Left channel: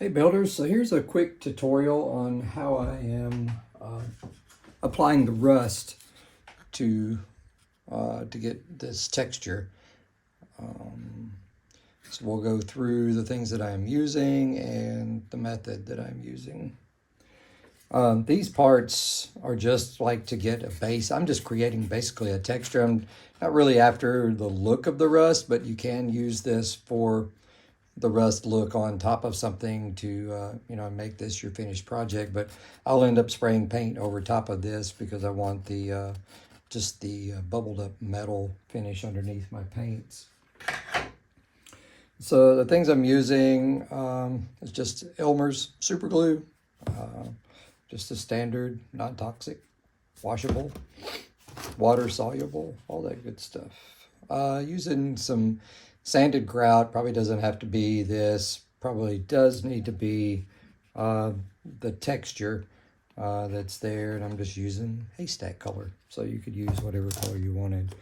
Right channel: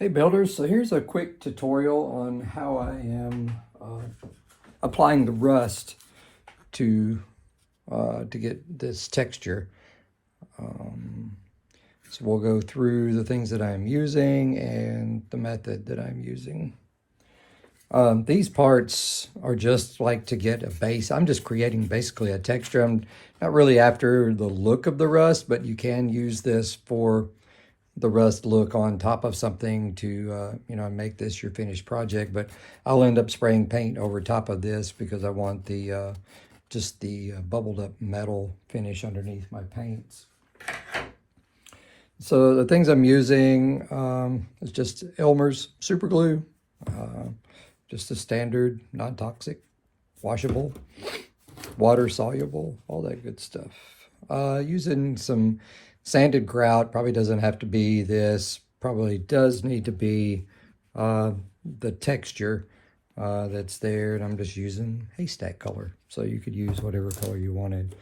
Hey builders, so here's a quick tutorial on how I am applying the rust to get this texture. So we'll go through the things that I'm using and the method that I'm using. These parts are just like to get a base. I'm just creating basically a texture. I'm not really after the look of the rust, but you can use this for the rust look on top of something to make this your finished project. But I'll end up spraying paint over top of this because I want the just the bubbled up metal finish underneath my paints. So the things I'm using is just Elmer's super glue, just the standard, non-toxic, washable, water soluble, all that good stuff. Using some sanded grout. Probably doesn't have to be this, probably does need to be the texture that's there, and I'm just using haystack color, so you could use whatever color you wanted.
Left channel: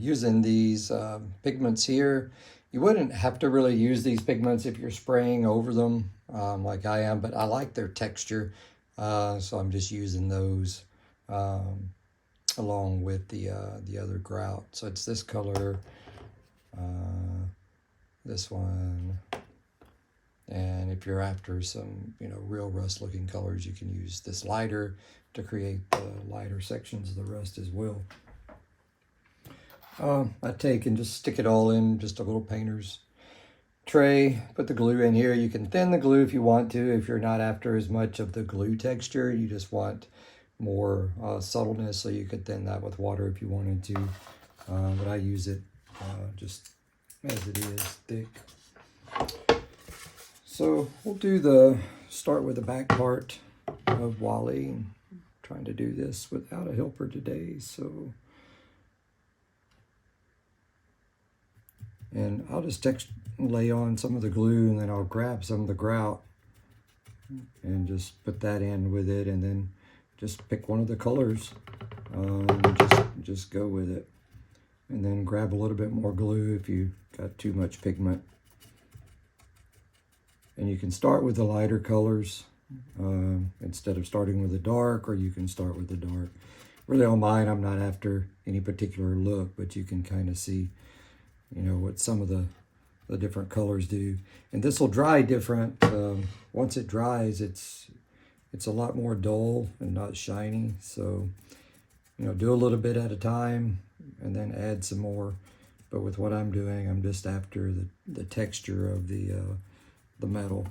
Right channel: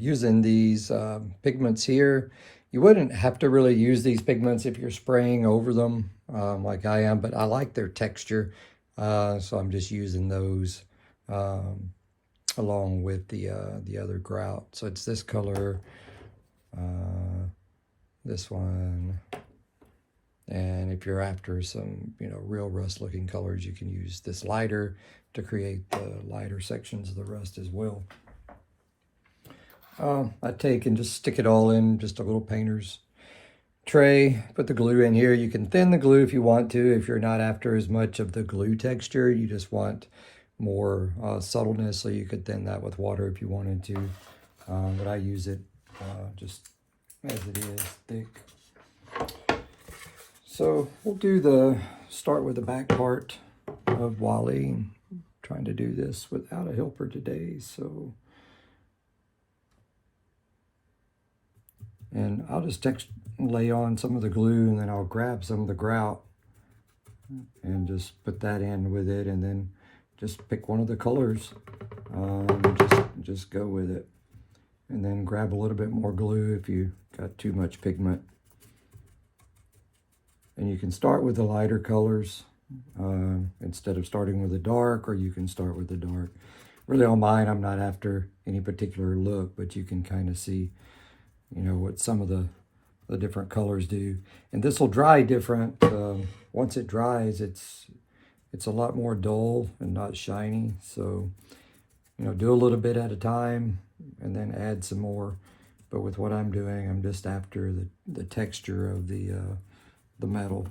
Using these pigments here. You wouldn't have to really use these pigments if you're spraying over them like I am, but I like their texture, so I'm just using those along with the other grout. So it's this color, this one, and if you're after some real rust looking colors, you can use this lighter to create the lighter sections of the rust as well. I take and just stick it all in just a little painter's tray, put the glue in here. You can thin the glue if you want to, if you're not after as much of the glue texture, you just want more subtleness, so you could thin that with water if you wanted to, but I use it just as it is, thick. So we'll start with the back part of Wally. I'm trying to do this without a helper today, so. And I'll just lay on some of the glue, and then I'll grab some of the grout and just put that in with it, and then just pick one of the colors, just go with it. And then grab a little bit more glue if you got too much pigment. And you can start with the lighter colors instead of starting with the dark, or you can start with the dark. Really on mine, I'm not after any particular look, but you can kind of see what some of the different colors do. And this will dry different. Once it dries, it's a lot more dull and not shiny. So, do a little bit at a time and then add some more. But with what I'm doing, I'm just after the texture of the metal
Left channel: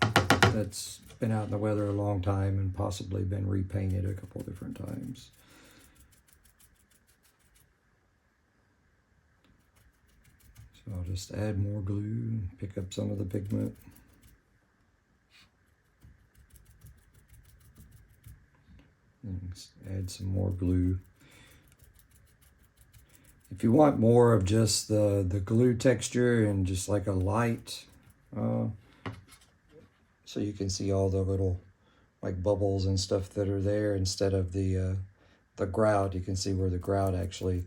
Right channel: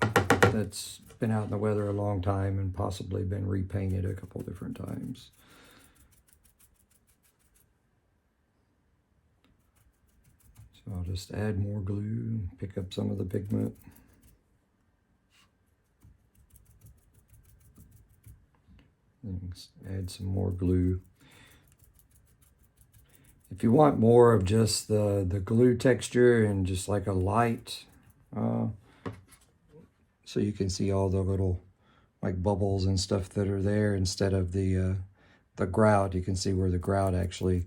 that's been out in the weather a long time and possibly been repainted a couple different times. So I'll just add more glue, pick up some of the pigment. And add some more glue. If you want more of just the glue texture and just like a light, so you can see all the little like bubbles and stuff that are there instead of the grout, you can see where the grout actually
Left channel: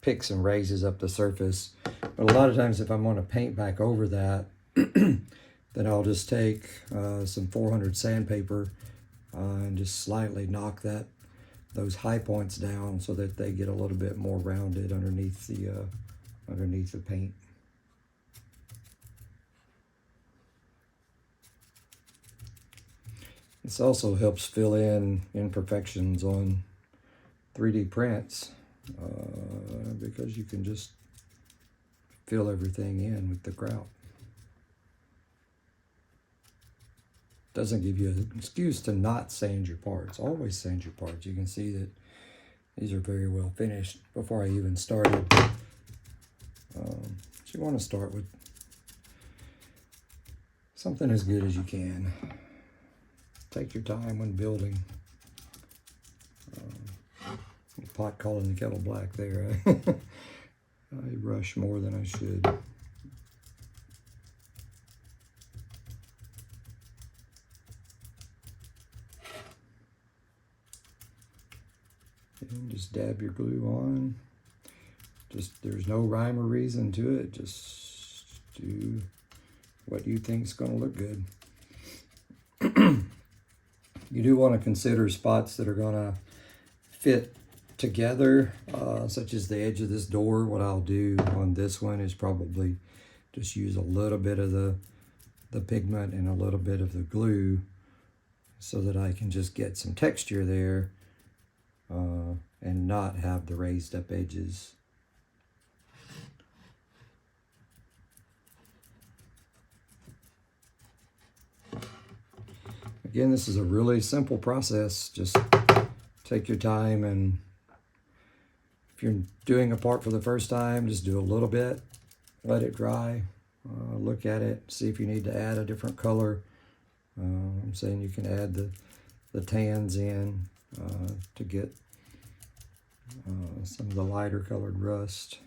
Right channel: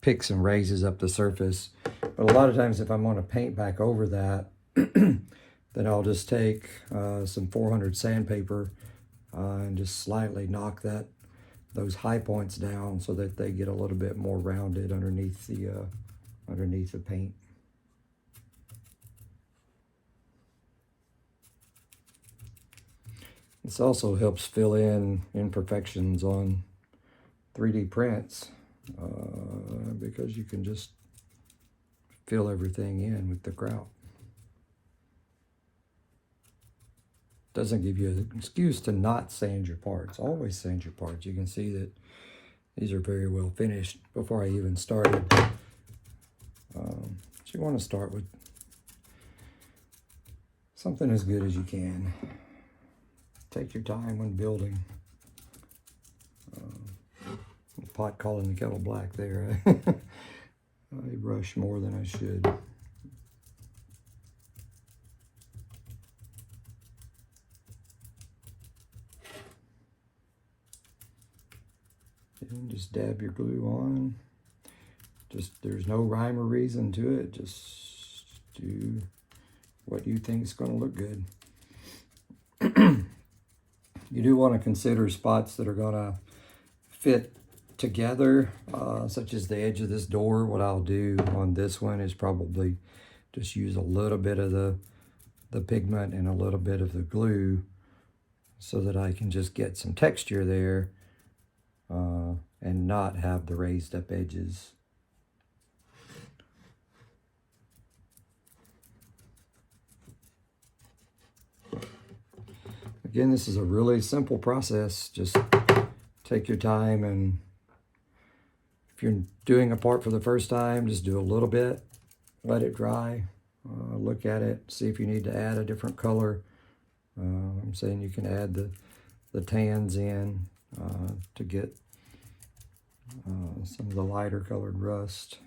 picks and raises up the surface. But a lot of times if I'm going to paint back over that, then I'll just take some 400 sandpaper and just slightly knock those high points down so that they get a little bit more rounded underneath the paint. This also helps fill in imperfections on 3D prints because you can just fill everything in with the grout. Doesn't give you an excuse to not sand your parts. Always sand your parts. You can see that these are very well finished before I even started. So you want to start with something as good as you can. Take your time when building. Pot calling the kettle black there. I rush more than I should. And just dab your glue on. There's no rhyme or reason to it. Just do what you think is going to look good. You do want to consider spots that are going to fit together, such as the edge of this door. What I'll do on this one is probably just use a little bit of the pigment and a little bit of the glue so that I can just get some texture there and not have the raised up edges. Again, this is a really simple process. Just take your time, and if you're doing a part for the first time, just do a little bit, let it dry, look at it, see if you need to add a different color. I'm saying you can add the tans in to get some of the lighter colored rust.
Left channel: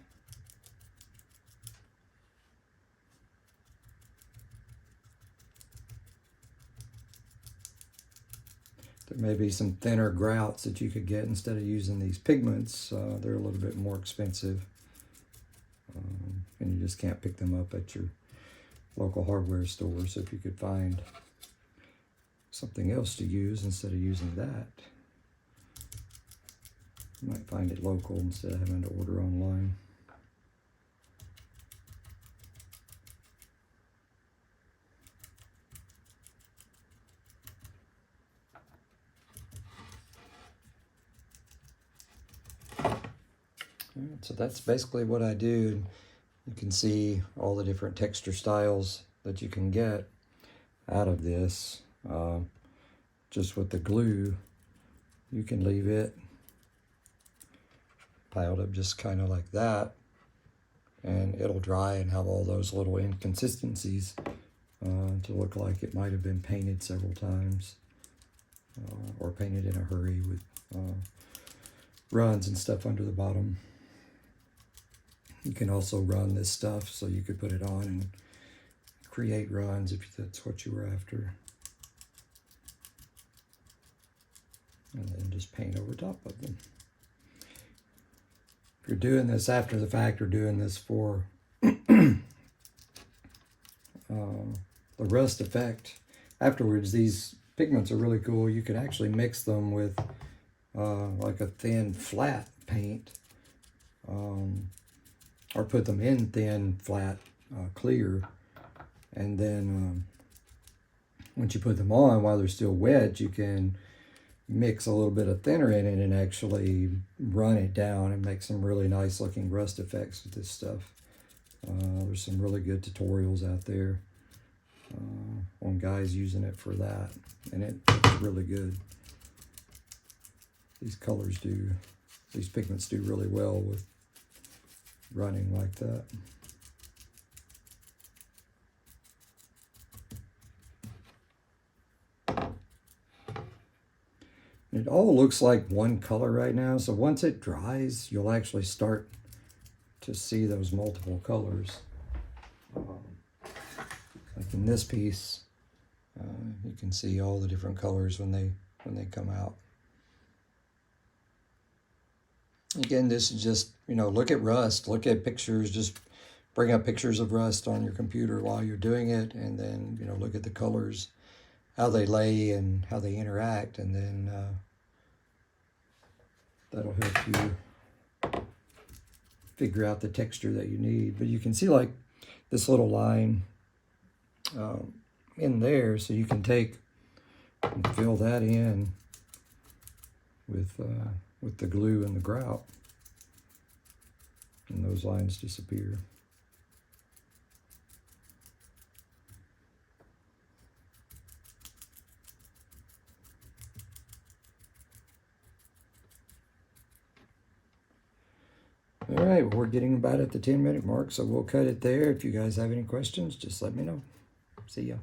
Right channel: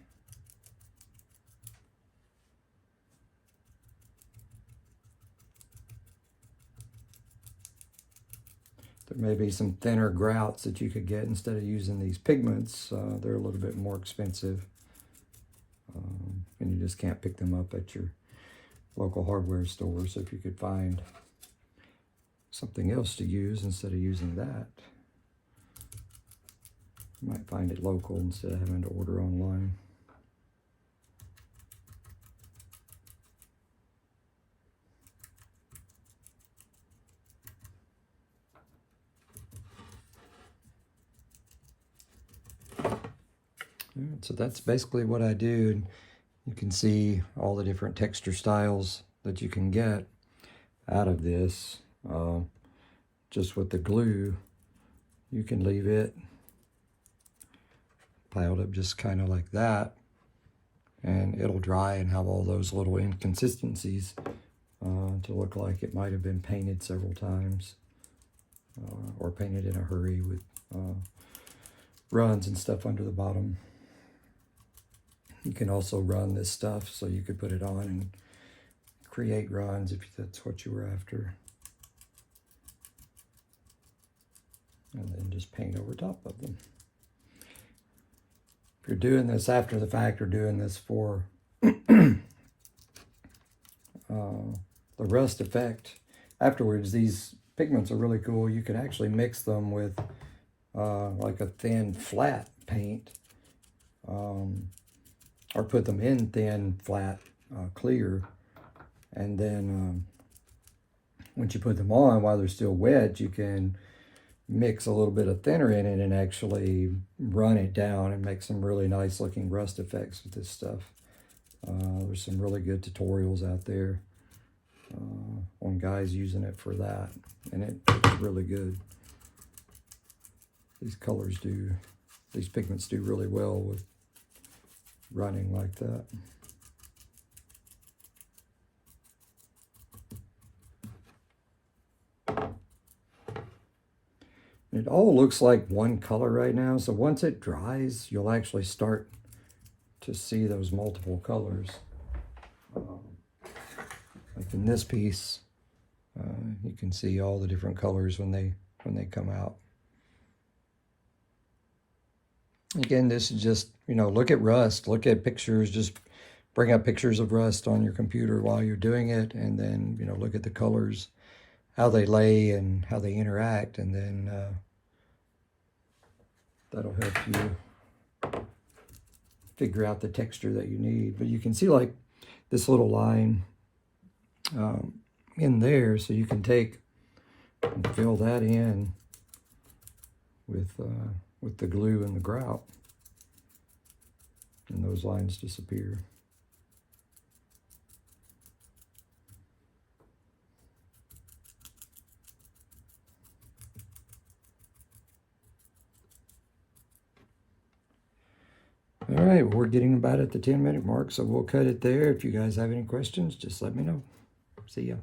There may be some thinner grouts that you could get instead of using these pigments. They're a little bit more expensive, and you just can't pick them up at your local hardware store. So if you could find something else to use instead of using that, you might find it local instead of having to order online. So that's basically what I do. You can see all the different texture styles that you can get out of this. Just with the glue, you can leave it piled up just kind of like that, and it'll dry and have all those little inconsistencies to look like it might have been painted several times or painted in a hurry with runs and stuff under the bottom. You can also run this stuff, so you could put it on and create runs if that's what you were after. And then just paint over top of them. If you're doing this after the fact or doing this for the rust effect afterwards, these pigments are really cool. You could actually mix them with like a thin flat paint, or put them in thin flat clear, and then once you put them on while they're still wet, you can mix a little bit of thinner in it and actually run it down and make some really nice looking rust effects with this stuff. There's some really good tutorials out there on guys using it for that, and it's really good. These pigments do really well with running like that. It all looks like one color right now, so once it dries, you'll actually start to see those multiple colors. Like in this piece, you can see all the different colors when they come out. Again, this is just, look at rust, look at pictures, just bring up pictures of rust on your computer while you're doing it, and then, look at the colors, how they lay and how they interact, and then that'll help you figure out the texture that you need. But you can see like this little line in there, so you can take and fill that in with the glue and the grout, and those lines disappear. All right, well, we're getting about at the 10-minute mark, so we'll cut it there. If you guys have any questions, just let me know. See ya.